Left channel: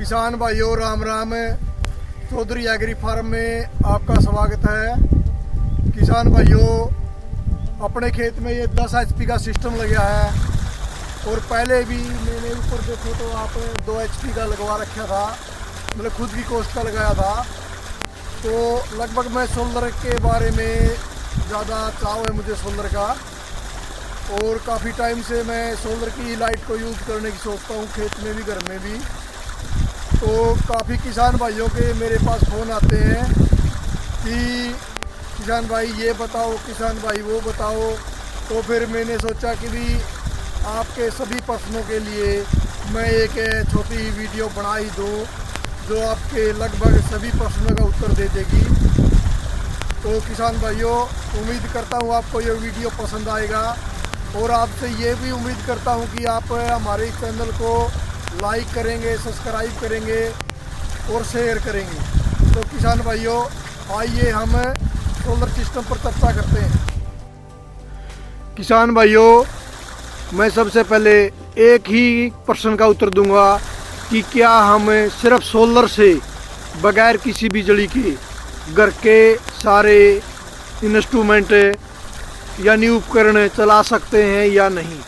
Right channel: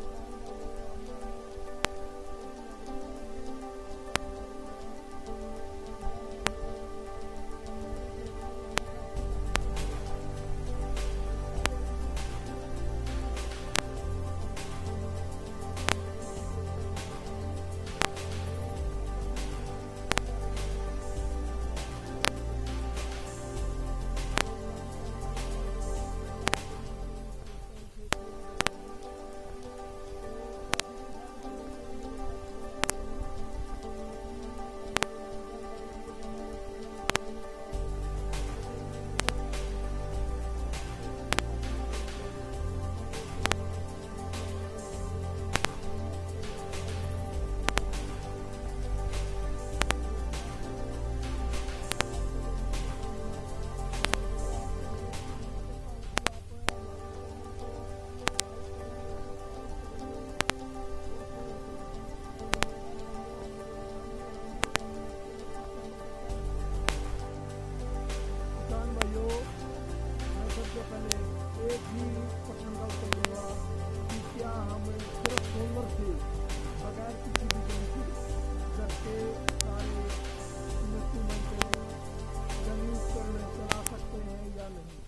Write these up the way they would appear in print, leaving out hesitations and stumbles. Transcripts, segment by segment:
किसान भाइयों Ram Ram. Chaudhary agree farm में आपका स्वागत है। किसान भाइयों, अपने खेत में ये 10 HP का सिस्टम लगा है और पहले भी मैंने ऊपर देखो तो आप 2 HP का लगवा रखा था, मतलब खुद की कॉस्ट का लगाया था। तो लगभग मैं सोलर के बारे में ज़्यादा चाव है मुझे सोलर का, और काफ़ी टाइम से मैं सोलर की लाइट को यूज़ करने की सोचता हूँ, खेत में भी घर में भी। तो काफ़ी किसान भाइयों के मेरे पास फ़ोन आते हैं कि किसान भाई ये बताओ, किसान भाई वो बताओ। तो फिर मैंने सोचा कि भी आपके सभी प्रश्नों के लिए मैं एक छोटी वीडियो बना ही दूँ जो आपके लगभग सभी प्रश्नों का उत्तर दे देगी। तो किसान भाइयों, उम्मीद करता हूँ आपको ये वीडियो पसंद आएगा, और आपसे ये भी उम्मीद करता हूँ कि आप हमारे चैनल को लाइक करेंगे, सब्सक्राइब करेंगे और शेयर करेंगे। तो किसान भाइयों, आइए हम सोलर सिस्टम पर चर्चा करते हैं। किसान भाइयों, मैं सबसे पहले एक ही प्रश्न का उत्तर दूंगा कि क्या हम सिर्फ सोलर से बगैर किसी बिजली के घर के सारे इंस्ट्रूमेंट यानी उपकरण चला सकते हैं या नहीं।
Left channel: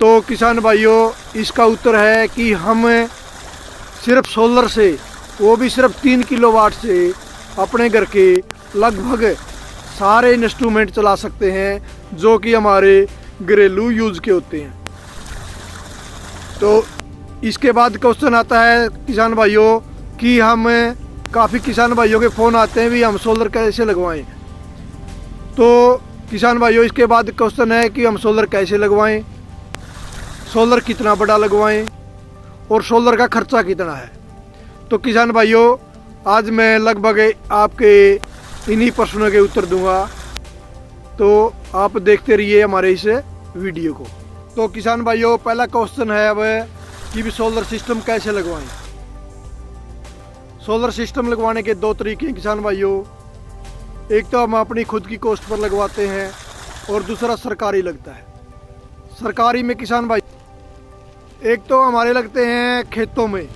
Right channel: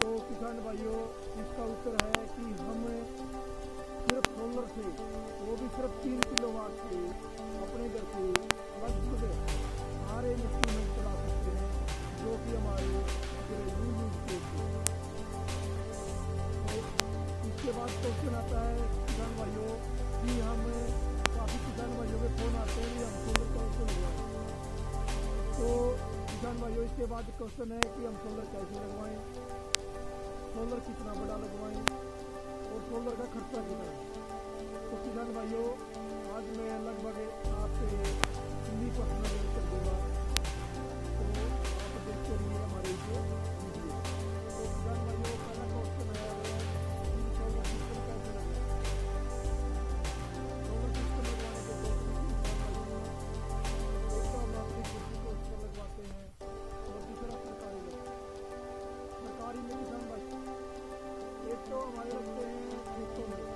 तो किसान भाइयों, इसका उत्तर है कि हम सिर्फ सोलर से, वो भी सिर्फ 3 किलोवाट से अपने घर के लगभग सारे इंस्ट्रूमेंट चला सकते हैं जो कि हमारे घरेलू यूज के होते हैं। तो इसके बाद क्वेश्चन आता है किसान भाइयों कि हम, काफ़ी किसान भाइयों के फ़ोन आते हैं भी हम सोलर कैसे लगवाएं। तो किसान भाइयों, इसके बाद क्वेश्चन है कि हम सोलर कैसे लगवाएं, सोलर कितना बड़ा लगवाएं और सोलर का खर्चा कितना है। तो किसान भाइयों, आज मैं लगभग आपके इन्हीं प्रश्नों के उत्तर दूंगा, तो आप देखते रहिए हमारे इस वीडियो को। तो किसान भाइयों, पहला क्वेश्चन है अब कि भी सोलर सिस्टम कैसे लगवाएं। सोलर सिस्टम लगवाने के 2 तरीके हैं किसान भाइयों। एक तो हम अपनी खुद की कॉस्ट पर लगवाते हैं और दूसरा सरकारी लगता है। सरकारी में किसान भाई, एक तो हमारे लगते हैं खेतों में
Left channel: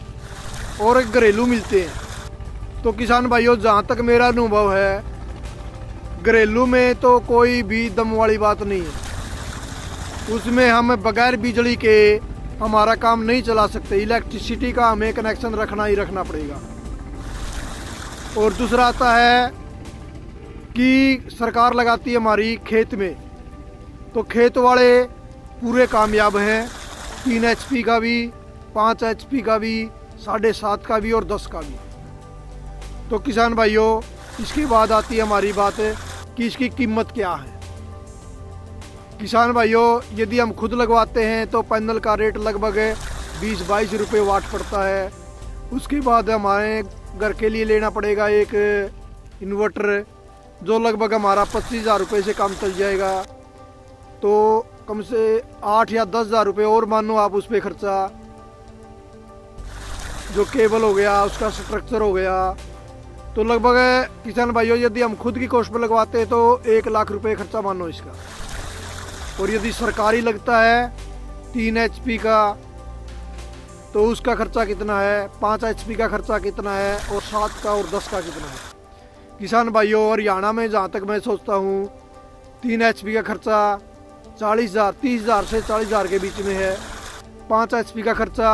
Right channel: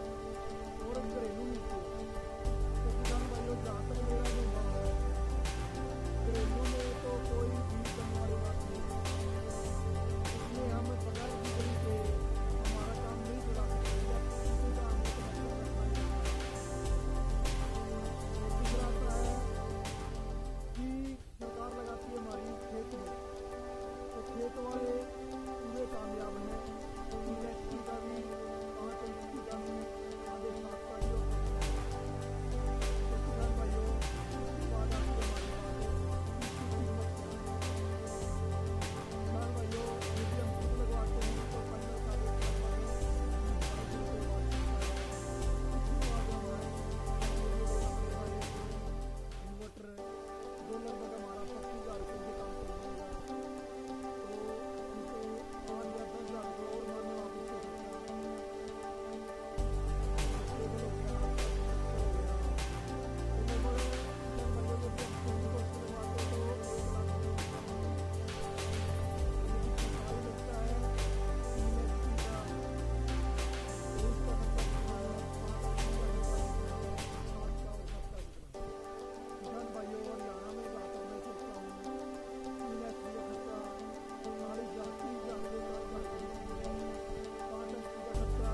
और एक घरेलू मिलते हैं। तो किसान भाइयों, जहाँ तक मेरा अनुभव है, घरेलू में तो कोई भी दम वाली बात नहीं है। उसमें हम बगैर बिजली के हमारा काम नहीं चला सकते, इलेक्ट्रिसिटी का हमें कनेक्शन रखना ही रखना पड़ेगा। और दूसरा आता है कि सरकार लगाती है हमारी खेत में, तो खेत वाले पूरे कामयाब हैं, 3 HP का भी, 5 HP का भी, 7.5 का भी और 10 का भी। तो किसान भाइयों, इसके बाद आती है हमारी बात कि इसकी कीमत क्या है। किसान भाइयों, यदि हम खुद लगवाते हैं तो पैनल का रेट लगभग 20-22 रुपये वाट पड़ता है। उसके बाद हमारे घर के लिए लेना पड़ेगा एक इन्वर्टर जो लगभग हमारा 25,000 रुपये से कम चल जाएगा। तो कम से 8 या 10,000 रुपये और मानो आप उस पर खर्चा, जो केबल हो गया, उसका स्ट्रक्चर हो गया। तो लगभग किसान भाइयों, यदि हम खुद की कॉस्ट पर लगवाते हैं तो 1 लाख रुपये खर्चा मानो इसका। और यदि सरकारी लगता है 3 HP का, तो उसका खर्चा कितना है, 5 HP का खर्चा कितना है, और 7 का और 10 का कितना है। किसान भाइयों, हरियाणा में जहाँ तक मैं सोचता हूँ 3 HP का खर्चा 40,000, 30,000 से 40,000 के बीच में है। 5 HP का खर्चा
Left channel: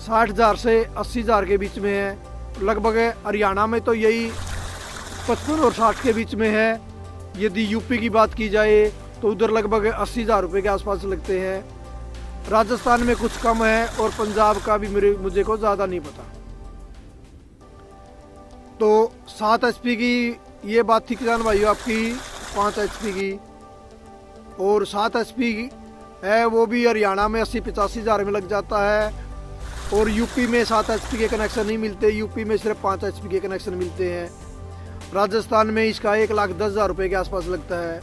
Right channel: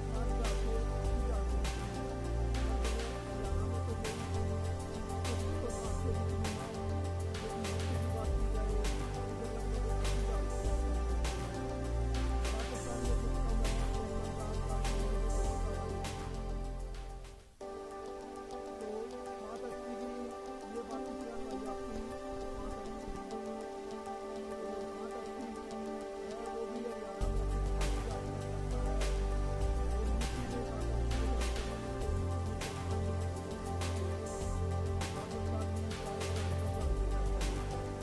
60,000 से 80,000 के बीच में है। लगभग हरियाणा में तो यही 55 और 60 के बीच में है। यदि यूपी की बात की जाए तो उधर लगभग 80,000 रुपये के आसपास लगते हैं। राजस्थान में कुछ कम है और पंजाब का भी मुझे को ज़्यादा नहीं पता। तो 7 HP की ये बात थी किसान भाइयों आपकी, 5 HP की। और 7 HP है वो भी हरियाणा में 80-85 हज़ार में लग जाता है। और यूपी में 7 HP के कनेक्शन नहीं मिलते, यूपी में सिर्फ 5 HP के कनेक्शन मिलते हैं। राजस्थान में इसका 1,10,000 रुपये के आसपास लगता है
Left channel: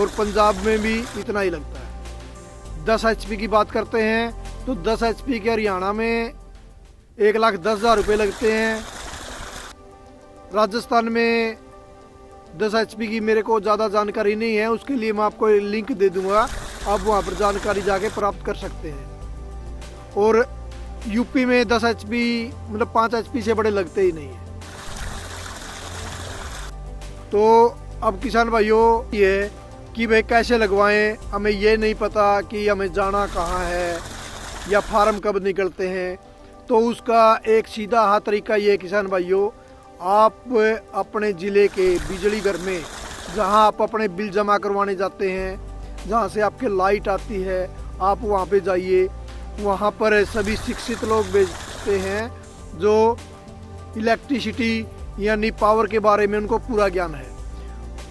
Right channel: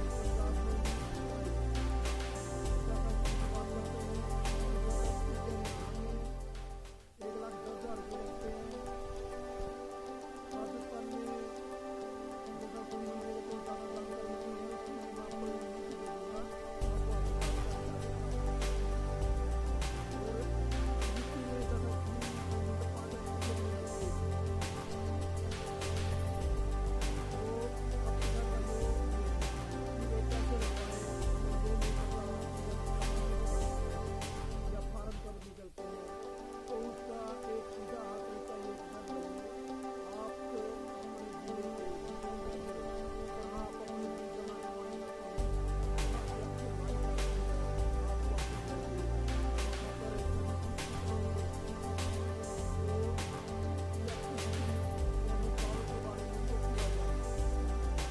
और पंजाब में भी इतना ही लगता है। 10 HP की बात करते हैं तो 10 HP के हरियाणा में 1,10,000 रुपये लगते हैं। राजस्थान में 10 HP की मेरे को ज़्यादा जानकारी नहीं है, उसके लिए मैं आपको लिंक दे दूंगा, आप वहाँ पर जानकारी जाके प्राप्त कर सकते हैं। और यूपी में 10 HP मतलब 5 HP से बड़े लगते ही नहीं है। तो अब किसान भाइयों ये कि भाई कैसे लगवाएं, हमें ये नहीं पता कि हमें जाना कहाँ है या फार्म कब निकलते हैं। तो उसका एक सीधा हाथ तरीका ये किसान भाइयों, आप अपने ज़िले के बिजली घर में जहाँ आप अपने बिल जमा करवाने जाते हैं, जहाँ से आपके लाइट आती है, आप वहाँ पे जाइए। वहाँ पर सभी शिक्षित लोग भेजते हैं जो इलेक्ट्रिसिटी यानी पावर के बारे में उनको पूरा ज्ञान है।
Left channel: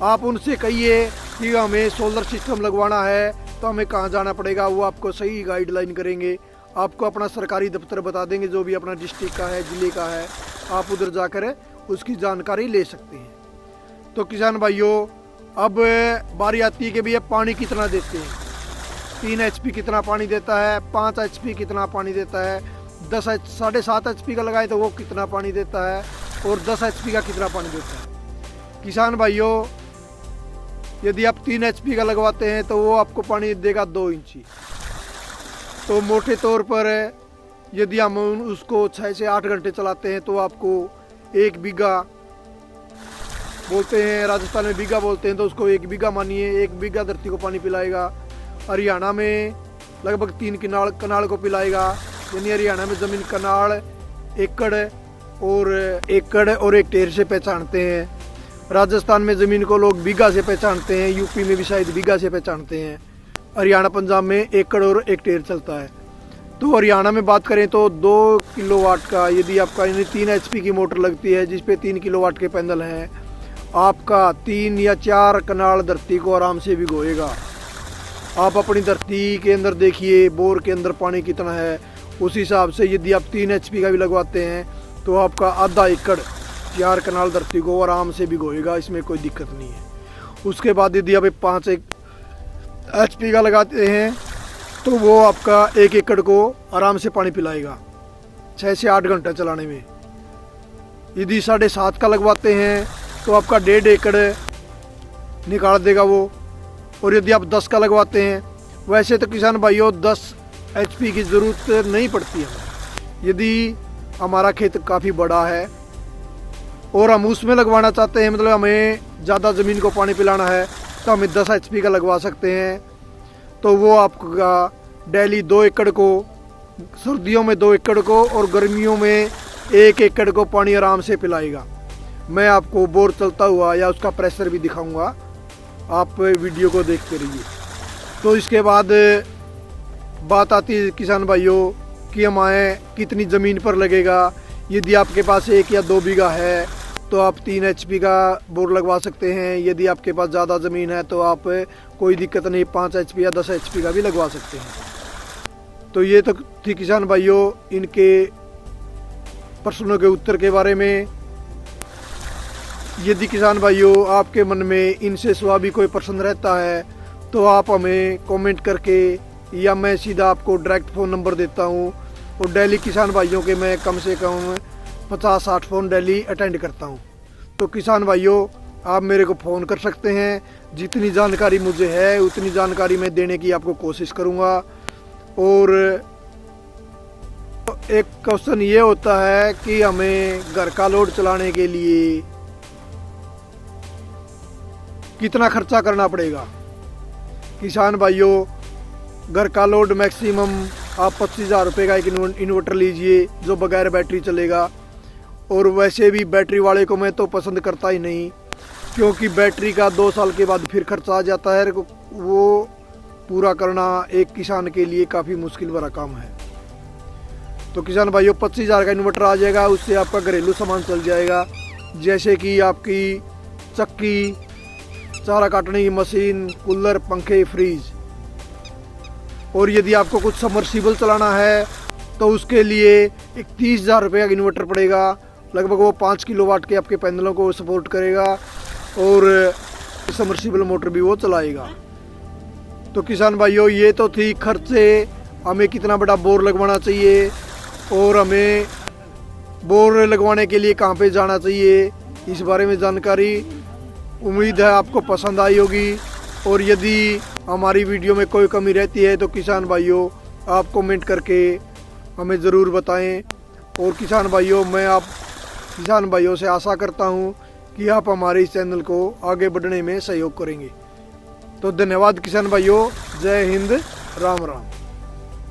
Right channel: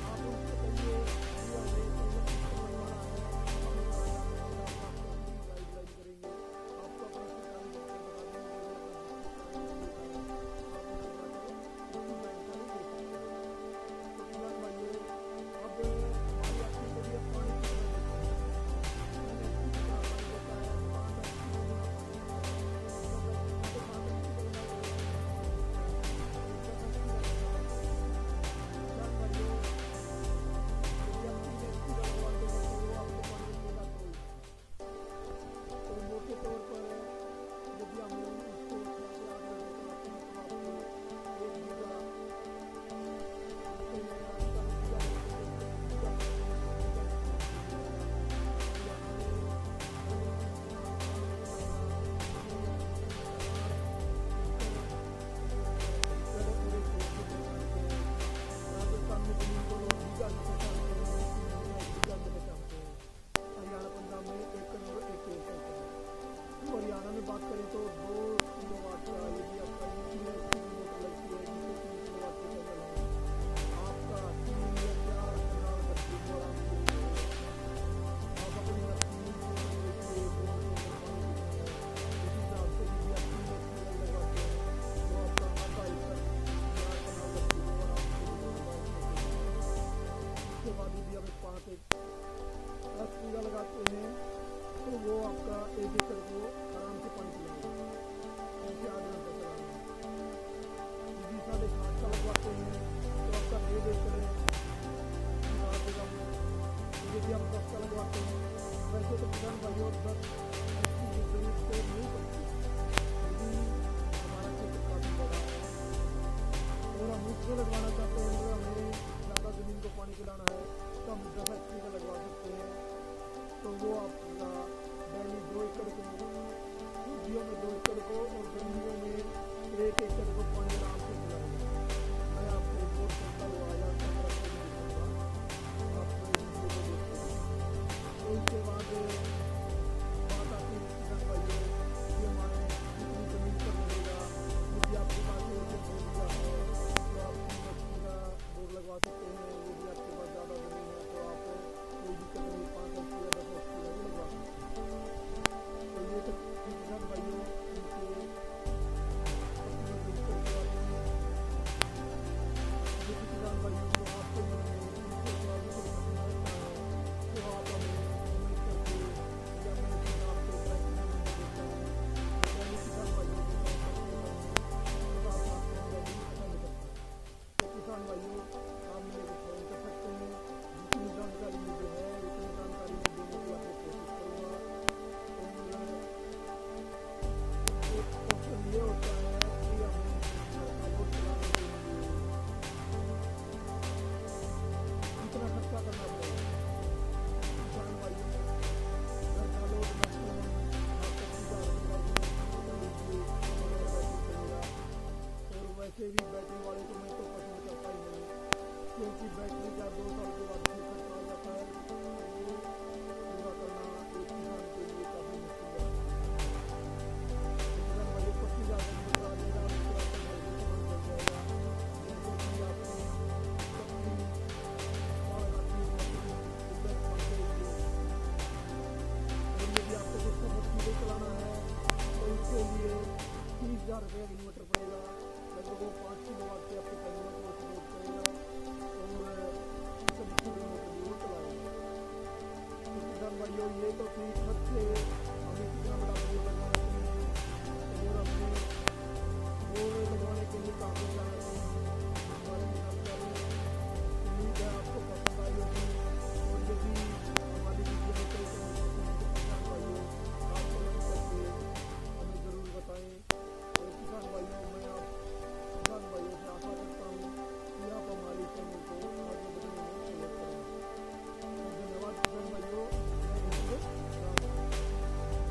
आप उनसे कहिए कि हमें सोलर सिस्टम लगवाना है तो हमें कहाँ जाना पड़ेगा, वो आपको सही गाइडलाइन करेंगे। आपको अपना सरकारी दफ्तर बता देंगे जो भी अपना डिस्ट्रिक्ट का है, ज़िले का है, आप उधर जाकर उसकी जानकारी ले सकते हैं। तो किसान भाइयों अब बारी आती है कि भैया पानी कितना देते हैं। 3 HP कितना पानी देता है, 5 HP कितना पानी देता है, 7.5 HP का लगाए तो वो कितना पानी देता है, और 10 HP का कितना पानी देता है। किसान भाइयों यदि आप 3 HP का लगवाते हैं तो वो आपको पानी देगा 2 इंची। तो मोटे तौर पर यदि हम उसको 6 से 8 घंटे चलाते हैं तो आपको 1 बीघा बोलते हैं, राजस्थान में बीघा बोलते हैं, तो उसको 1 बीघा मानिए, 1 बीघा धरती को पानी पिलाएगा। हरियाणा में लगभग 3 कनाल को पिलाएगा, यानी हरियाणा में ज़मीन कनाल, एकड़ और हेक्टेयर से पहचानते हैं। राजस्थान में ज़मीन को लोग बीघा से पहचानते हैं, यूपी में भी शायद बीघा से पहचानते हैं। हरियाणा पंजाब में एकड़ और हेक्टेयर चलता है। तो हरियाणा में बात करें तो 2 किलोवाट का यदि आपका यानी 3 HP की मोटर लगती है जिस पे 3 किलोवाट के पैनल हैं, आपका 3 या 4 कनाल धरती को आराम से भिगोएगा। आप अपनी धरती के अंदर देखिए बोर के अंदर पानी कितना है, उस हिसाब से यदि आप 3 HP का भी लगवाते हैं तो आपका आधा एकड़ 4 कनाल धरती को आराम से भिगोएगा, इसमें कोई दिक्कत नहीं है। उसके बाद यदि आप 5 HP का लगाते हैं तो वो आपका 1 एकड़ को आराम से पानी पिलाएगा 6 से 8 घंटे चलाने में। यदि 7.5 का लगवाते हैं तो आपका 1.5 एकड़ निकाल देगा वो। और यदि आप 10 का लगवाते हैं, वैसे तो किसान भाइयों 10 HP की ज़रूरत नहीं पड़ती है। यदि हमारा खेत काफ़ी बड़ा है और हम उसमें लगवाना चाहते हैं, मतलब हमें ज़्यादा ज़मीन को पानी पिलाना है, तो हमें 10 HP का लगवा सकते हैं। तो वो आपका डेली 2 एकड़ को, सर्दियों में 2 एकड़ को और गर्मियों में 1 एकड़ को पानी आराम से पिलाएगा। मैं आपको बोर चलता हुआ या उसका प्रेशर भी दिखाऊंगा, आप वीडियो को देखते रहिए। तो इसके बाद बात आती है किसान भाइयों कि हमारे कितनी ज़मीन पर लगेगा। यदि आपके पास 1 या 2 बीघा है तो आप 3 HP का बोर लगवा सकते हैं। यदि आपके पास ज़्यादा ज़मीन है तो आप कोई दिक्कत नहीं 5 HP या 10 HP का भी लगवा सकते हैं। तो ये तो थी किसान भाइयों इनके प्रश्नों के उत्तर के बारे में। यदि किसान भाइयों आपके मन में इनसे सिवा भी कोई प्रश्न रहता है तो आप हमें कमेंट करके, या मैं सीधा आपको डायरेक्ट फ़ोन नंबर देता हूँ। और डेली किसान भाइयों के मैं कम से कम 50-60 फ़ोन डेली अटेंड करता हूँ। तो किसान भाइयों आप मेरे को फ़ोन कर सकते हैं। जितनी जानकारी मुझे है उतनी जानकारी मैं देने की आपको कोशिश करूँगा। और एक क्वेश्चन ये होता है कि हमें घर का लोड चलाने के लिए कितना खर्चा करना पड़ेगा। किसान भाइयों घर का लोड मैक्सिमम आप 25,000 रुपये का एक इन्वर्टर लीजिए जो बगैर बैटरी चलेगा। और वैसे भी बैटरी वाले को मैं तो पसंद करता ही नहीं, क्योंकि बैटरी का 2 साल के बाद फिर खर्चा आ जाता है। वो पूरा करना एक किसान के लिए काफ़ी मुश्किल भरा काम है। तो किसान भाइयों 25,000 का इन्वर्टर आ जाएगा, उससे आपका घरेलू सामान चल जाएगा, जैसे कि आपकी चक्की, चारा काटने की मशीन, कूलर, पंखे, फ्रीज। और यदि आपको कुछ सबमर्सिबल चलाना है तो उसके लिए एक 30,000 रुपये का इन्वर्टर पड़ेगा। लगभग वो 5 किलोवाट के आपके पैनलों को सपोर्ट करेगा और सबमर्सिबल मोटर भी वो चलाएगा। तो किसान भाइयों ये तो थी खर्चे, हमें कितना बड़ा बोर लगवाना चाहिए और हमें बोर लगवाने के लिए कहाँ पे जाना चाहिए, इस बारे में जानकारी। उम्मीद है आपको पसंद आई होगी। और यदि हमारी वीडियो में कोई कमी रहती है तो किसान भाइयों आप कमेंट करके हमें ज़रूर बताएं। और किसान भाइयों, मैं आप किसान भाइयों से आशा करता हूं कि आप हमारे इस चैनल को आगे बढ़ने में सहयोग करेंगे। तो धन्यवाद किसान भाइयों, जय हिंद, राम राम।